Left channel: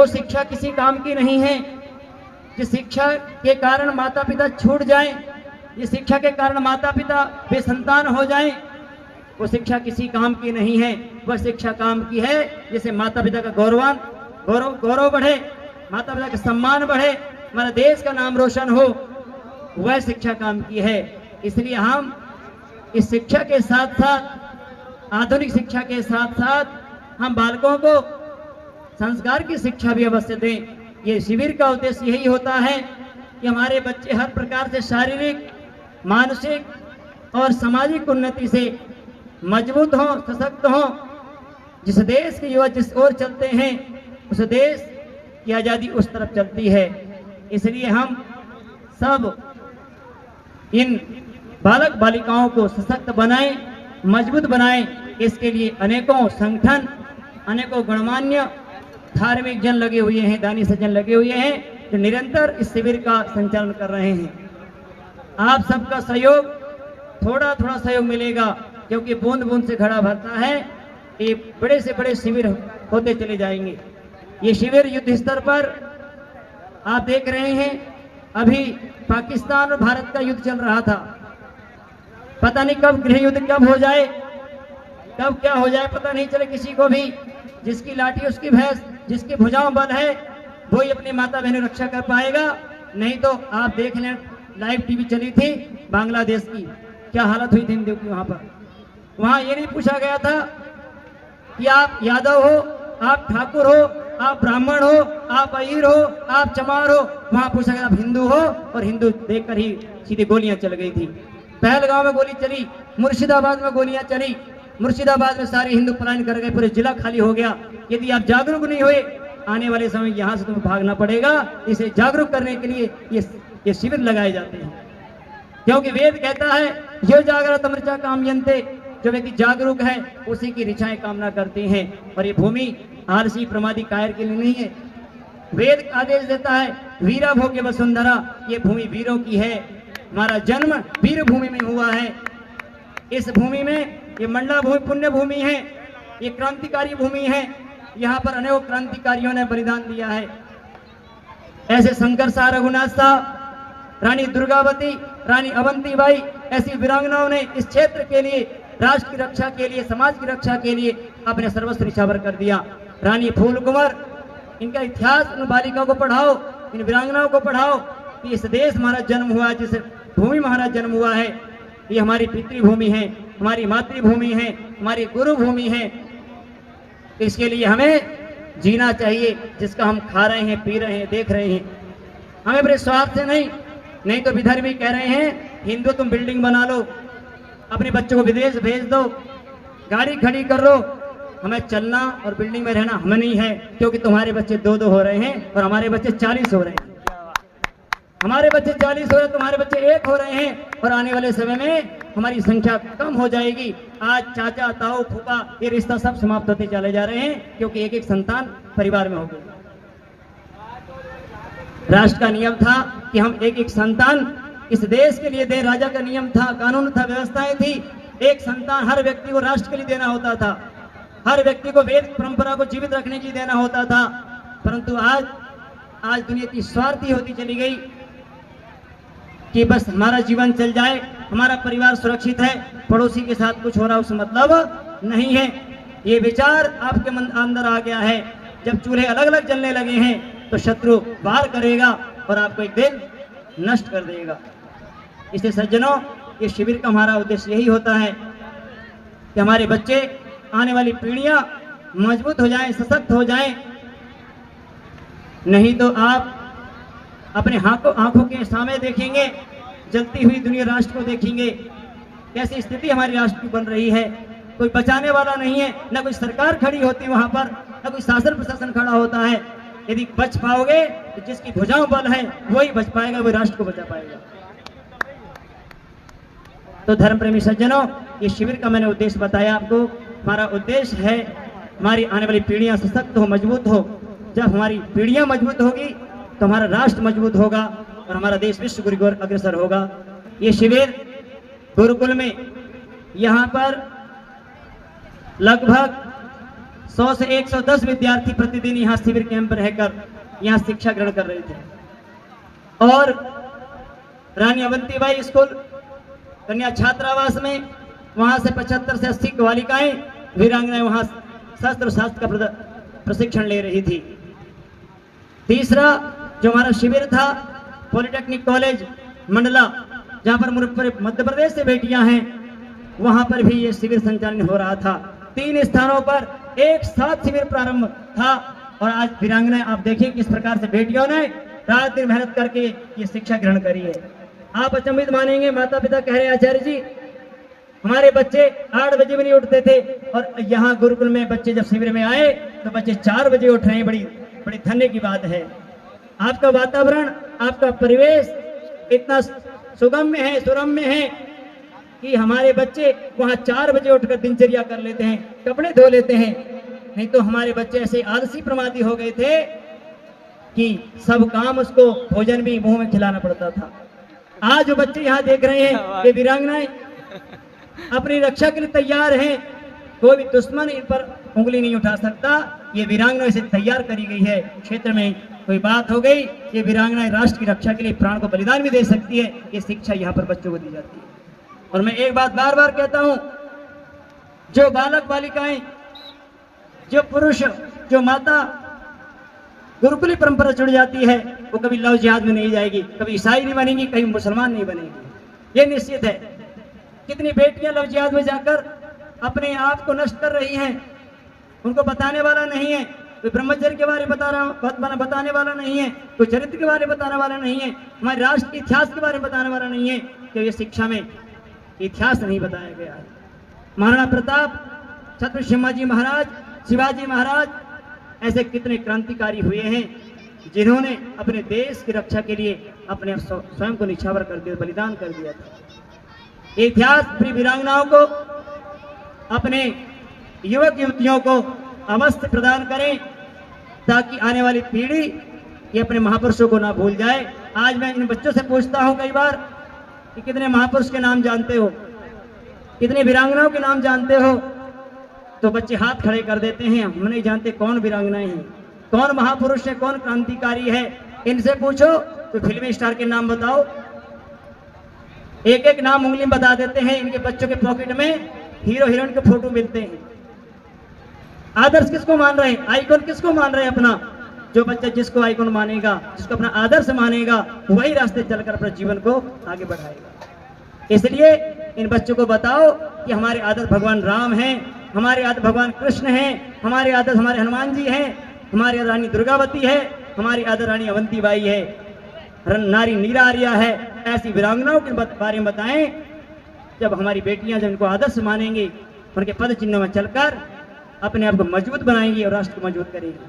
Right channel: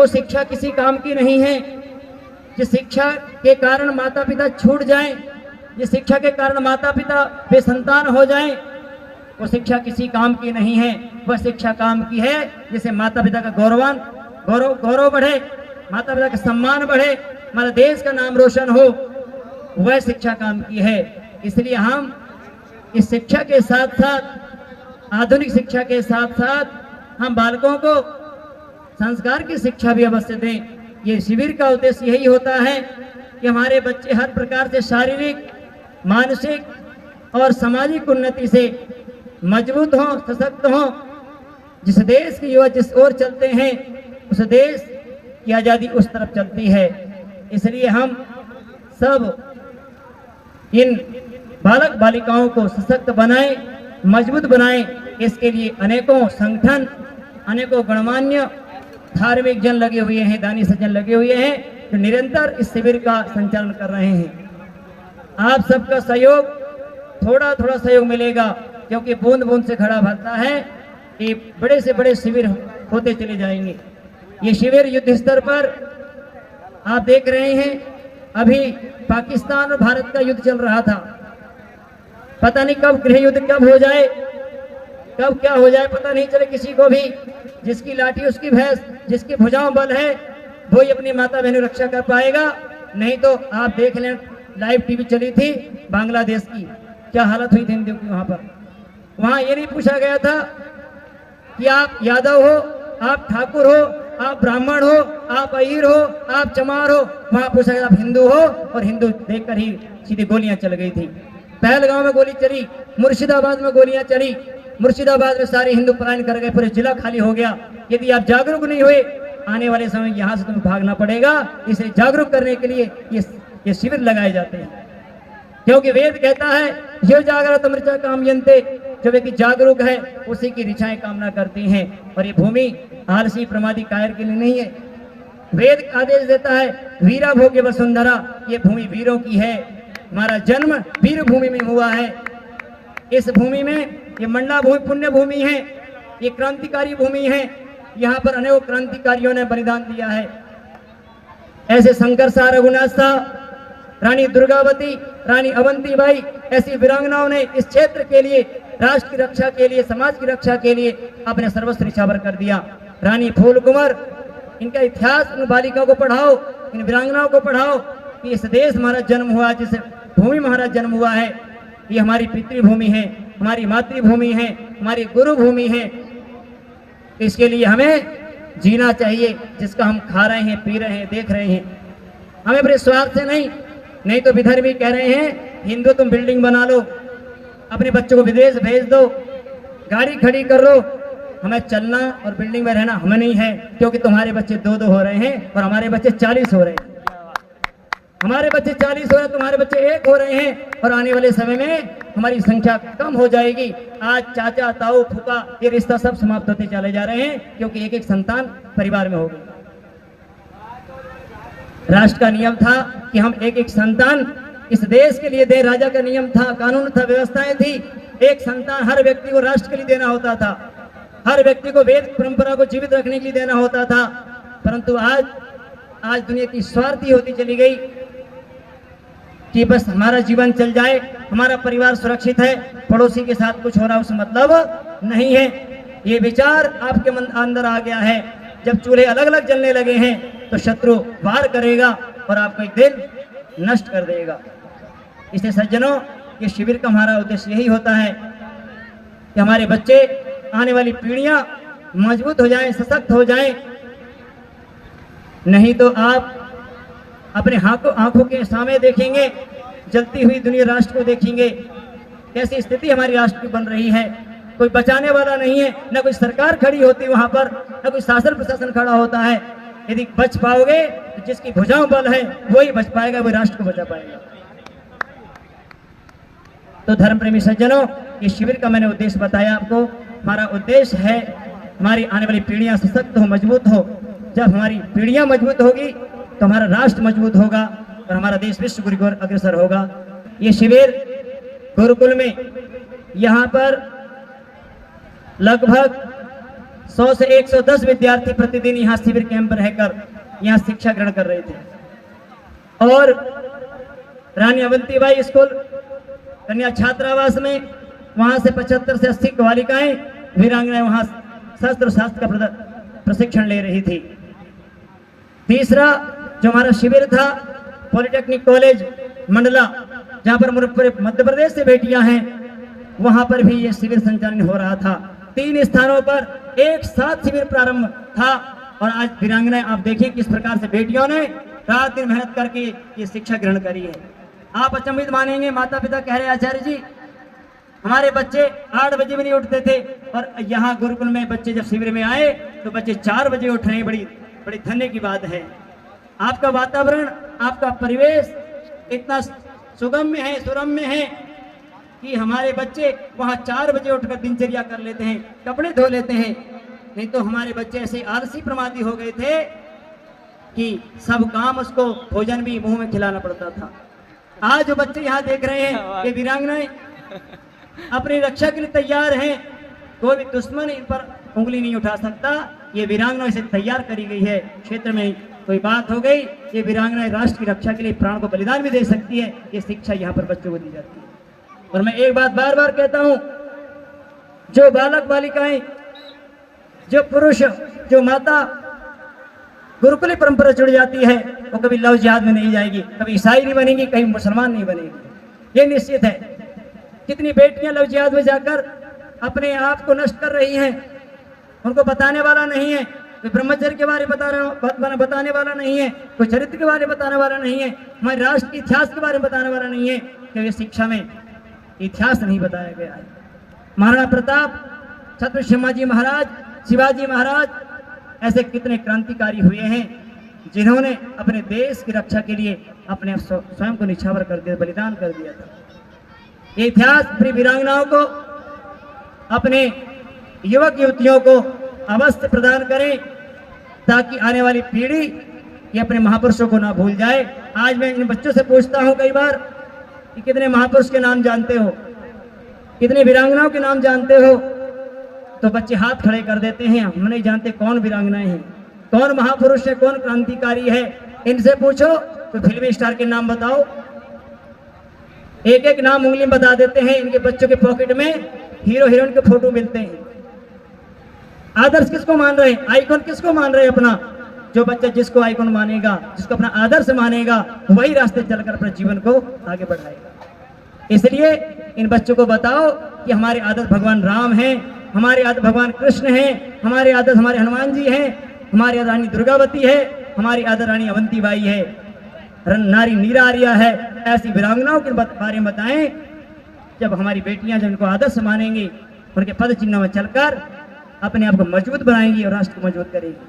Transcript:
वो शिक्षा किसी काम की नहीं है। जिस शिक्षा के कारण माता पिता छूट जाएं, जिस शिक्षा के कारण माता पिता बेसंतान हो जाएं, वो शिक्षा किसी काम की नहीं है। वह शिक्षा काम की है जिससे माता पिता का गौरव बढ़े, माता पिता का सम्मान बढ़े, हमारा देश का नाम रोशन हो, वह शिक्षा काम की है। इसलिए हम इस शिक्षा के साथ साथ, आधुनिक शिक्षा के साथ साथ हम बालकों को संस्कार की शिक्षा भी अवश्य दें। ये शिविर का उद्देश्य यही होता है कि हमारे बच्चे हर प्रकार से शारीरिक, मानसिक और सामाजिक उन्नति से मजबूत हों, सशक्त हों। जिस देश के युवा जिस ओर चलते हैं, उस देश की आज़ादी उस तरफ चलती है। इसलिए हम सब इन बालक बालिकाओं को सशक्त बनाएं, मजबूत बनाएं। इसके लिए अनेकों संगठन, अनेकों गणमान्य धार्मिक जन लगे हुए हैं, दानी सज्जन लगे हुए हैं, जो निरंतर इस शिविर का संचालन कर रहे हैं। आप सबका सहयोग, थोड़ा थोड़ा सहयोग मिलेगा, क्योंकि बूंद बूंद से घड़ा भरता है। ये बड़े से बड़े शिविर होते चले जाएंगे। ये शिविर युद्ध स्तर पर आप देख रहे हैं। अभी पाकिस्तान और भारत का युद्ध चल रहा था। पता नहीं कब गृह युद्ध कब हो जाए, कब क्या हो जाए पता नहीं चले किसी को भी। जिसकी लाठी उसकी भैंस, जिसकी भुजाओं बल है, वो ही अपनी माता बहनों रक्षा कर पाएगा। नहीं तो आप देख लें, लाइव टीवी चली थी बांग्लादेश की, क्या हालत हुई थी हिंदुओं की। वहां ये नहीं पूछा गया था कि आप यादव हो, आप ठाकुर हो, आप ब्राह्मण हो, आप अहीर हो, आप चमार हो। वहां पूछा गया आप हिंदू हो, और हिंदू देखकर ही सीधी गोलियां चल गई थी। पहलगांव में गोली चली, मुर्शिदाबाद में गोलियां चली, मुर्शिदाबाद में सारे हिंदू पलायन कर गए, पूरे जिला खाली हो गया। यदि आप जागरूक नहीं हुए, आने वाले समय यहाँ से तुम्हें भागना पड़ेगा। इसे जागरूक करने के लिए ये शिविर लगाए जाते हैं, क्योंकि वेद कहता है यो जागृत मृचा कामयन्ते, जो व्यक्ति जागरूक है उसी की ऋचाएं कामना करती हैं। और ये भूमि आलसी प्रमादी कायर के लिए नहीं है। वेद आदेश देता है वीरा भोग्य वसुंधरा, ये भूमि वीरों की है। हमारा जन्म वीर भूमि में हुआ है। इस भूमि में ये मंडला भूमि पुण्य भूमि है, ये क्रांतिकारी भूमि है। यहाँ पर अनेकों क्रांतिकारियों ने बलिदान दिया है। ऐसे शंकर शाह, रघुनाथ शाह, रानी दुर्गावती, रानी अवंतीबाई, ऐसी वीरांगनाओं ने इस क्षेत्र के लिए, राष्ट्र की रक्षा के लिए, समाज की रक्षा के लिए अपने सर्वस्व न्यौछावर कर दिया। रानी फूल कुंवर, इनका इतिहास उन बालिकाओं को पढ़ाओ, इन वीरांगनाओं को पढ़ाओ कि इस देश हमारा जन्म हुआ, जिस भूमि में हमारा जन्म हुआ है, ये हमारी पितृभूमि है, हमारी मातृभूमि है, हमारी गुरु भूमि है। इसके लिए हमें जीना चाहिए, जिसका हम खा रहे हैं, पी रहे हैं, देख रहे हैं। हमें अपने स्वार्थ से नहीं तो विधर्मी कह रहे हैं हिंदू तुम बिल्डिंग बना लो, अपने बच्चों को विदेश भेज दो, गाड़ी खड़ी कर लो। हमें चलना और बिल्डिंग में रहना हमें नहीं है, क्योंकि तुम्हारे बच्चे 2-2 हो रहे हैं और हमारे बच्चे 40 हो रहे हैं। हमारे बच्चे 40 हो रहे हैं, तुम्हारे बच्चे 1 हो रहे हैं, और आने वाले समय में हमारी संख्या कम हो जाएगी। आज चाचा, ताऊ, फूफा, ये रिश्ता सब समाप्त होते चले जा रहे हैं, क्योंकि एक संतान परिवार में होगी। राष्ट्र का नियम था कि हम एक संतान इस देश के लिए दें। राजा का नियम था, कानून था, व्यवस्थाएं थी। एक संतान हर व्यक्ति को राष्ट्र के लिए देना होता था, हर व्यक्ति को वेद परंपरा को जीवित रखने के लिए देना होता था। परंतु आज दुनिया की स्वार्थी होती चली गई कि बस हमारा जीवन चल जाए, हमारा परिवार सुरक्षित है, पड़ोसी के साथ कुछ हो रहा उससे मतलब नहीं है। ये विचार आपके मन अंदर आ गया है। जब चूल्हे अलग अलग जलने लगे हैं तो शत्रु वार करेगा और आपको एक दिन नष्ट कर देगा। इसलिए सज्जनों, इस शिविर का हमारा उद्देश्य यही होता है कि हमारे बच्चे, आने वाली पीढ़ियां मजबूत हो जाएं, सशक्त हो जाएं। नहीं तो आप अपने आंखों के सामने देखेंगे जलती हुई दुनिया, राष्ट्र को देखेंगे कैसी स्थिति हमारी राष्ट्र की बन रही है। कोई बचाने वाला नहीं है, न कोई सरकार खड़ी होती है वहां पर, न कोई शासन प्रशासन खड़ा होता है। यदि बच पाओगे तो जिसकी भुजाओं बल है वही बच पाएगा, वही राष्ट्र को बचा पाएगा। तो धर्म प्रेमी सज्जनों, ये शिविर का मैंने उद्देश्य बताया आपको। हमारा उद्देश्य है हमारी आने वाली पीढ़ियां सशक्त हो, मजबूत हो। जब हमारी पीढ़ियां मजबूत होगी तो हमारा राष्ट्र मजबूत होगा और हमारा देश विश्व गुरु की ओर अग्रसर होगा। ये शिविर गुरुकुल में यहाँ पर लगभग 100 से 110 विद्यार्थी प्रतिदिन यहाँ शिविर कैंप रहकर यहाँ शिक्षा ग्रहण कर रहे थे। और रानी अवंतीबाई स्कूल कन्या छात्रावास में वहां से 75 से 80 बालिकाएं वीरांगनाएं वहां शास्त्र शास्त्र का प्रशिक्षण ले रही थी। तीसरा जो हमारा शिविर था पॉलिटेक्निक कॉलेज मंडला, जहां पर मध्य प्रदेश से बेटियां हैं, वहां पर भी ये शिविर संचालन हो रहा था। 3 स्थानों पर एक साथ शिविर प्रारंभ था और आज वीरांगनाएं आप देखिए किस प्रकार से बेटियों ने रात दिन मेहनत करके ये शिक्षा ग्रहण करी है। आप अचंभित मानेंगे, माता पिता कह रहे हैं आचार्य जी हमारे बच्चे 8 बजे भी नहीं उठते थे और यहाँ गुरुकुल में बच्चे जब शिविर में आए तो बच्चे 4 बजे उठ रहे हैं। बड़ी धन्य की बात है। आपका वातावरण, आपका परिवेश इतना सुगम्य है, सुरम्य है कि हमारे बच्चे वहाँ 4 बजे उठकर दिनचर्या कर लेते हैं, कपड़े धो लेते हैं। नहीं तो हमारे बच्चे ऐसे आलसी प्रमादी हो गए थे कि सब काम उसको भोजन भी मुंह में खिलाना पड़ता था। आज जो बच्चे यहाँ देख रहे हैं ये वीरांगनाएं अपनी रक्षा के लिए तैयार हैं, कोई भी दुश्मन इन पर उंगली नहीं उठा सकता। ये वीरांगनाएं से तैयार करी गई है। क्षेत्र में कोई बात हो गई, ये वीरांगनाएं राष्ट्र की रक्षा के लिए प्राण को बलिदान भी दे सकती है। ये शिक्षा यहाँ पर बच्चों को दी जाती है। और मैं एक बात बार बार कहता हूँ, जो बालक बालिकाएं, जो पुरुष, जो माता गुरुकुली परंपरा जुड़ जाती है वो कभी लव जिहाद में नहीं जाएगी, कभी ईसाई नहीं बनेगी, कहीं मुसलमान नहीं बनेगी, ये निश्चित है। कितनी बेटियां लव जिहाद में जाकर अपने आप को नष्ट कर रही हैं, उनको बताने वाला नहीं है, कोई ब्रह्मचर्य के बारे में बताने वाला नहीं है, कोई चरित्र के बारे में बताने वाला नहीं है, हमारे राष्ट्र के इतिहास के बारे में बताने वाला नहीं है, क्योंकि शिक्षा में इतिहास नहीं बताया गया है। महाराणा प्रताप, छत्रपति संभाजी महाराज, शिवाजी महाराज ऐसे कितने क्रांतिकारी हुए हैं जिन्होंने अपने देश की रक्षा के लिए अपने स्वयं को निछावर कर दिया, बलिदान कर दिया था। ये इतिहास अपनी वीरांगनाओं को, अपने युवक युवतियों को अवश्य प्रदान करें ताकि आने वाली पीढ़ी ये अपने महापुरुषों को ना भूल जाए। आज मैं इन बच्चों से पूछता हूं कई बार कि कितने महापुरुष के नाम जानते हो, कितने वीरांगनाओं के नाम जानते हो, तो बच्चे हाथ खड़े कर देते हैं, हम नहीं जानते कौन वीरांगनाएं हैं, कौन महापुरुष है, कौन क्रांतिकारी है। इनसे पूछो तो फिल्मी स्टार के नाम बताओ, एक एक नाम उंगली में बता देते हैं। इनके बच्चों के पॉकेट में हीरो हीरोइन के फोटो मिलते हैं। आदर्श किसको मान रहे हैं, आइकॉन किसको मान रहे हैं अपना? जो बच्चा जिसको आइकॉन मानेगा, जिसको अपना आदर्श मानेगा, वही रास्ते चलकर अपने जीवन को आगे बढ़ाएगा। इसलिए इन बच्चों को बताओ कि हमारे आदर्श भगवान राम हैं, हमारे आदर्श भगवान कृष्ण हैं, हमारे आदर्श हमारे हनुमान जी हैं, हमारी आदर्श रानी दुर्गावती है, हमारी आदर्श रानी अवंतीबाई है, नारी नीरा आर्या है। ऐसी वीरांगनाओं के बारे में बताएं। जब हमारी बेटियां जो इनको आदर्श मानेंगी, उनके पद चिन्हों में चलकर अपने आप को मजबूत बनाएंगी और राष्ट्र को मजबूत करेंगी।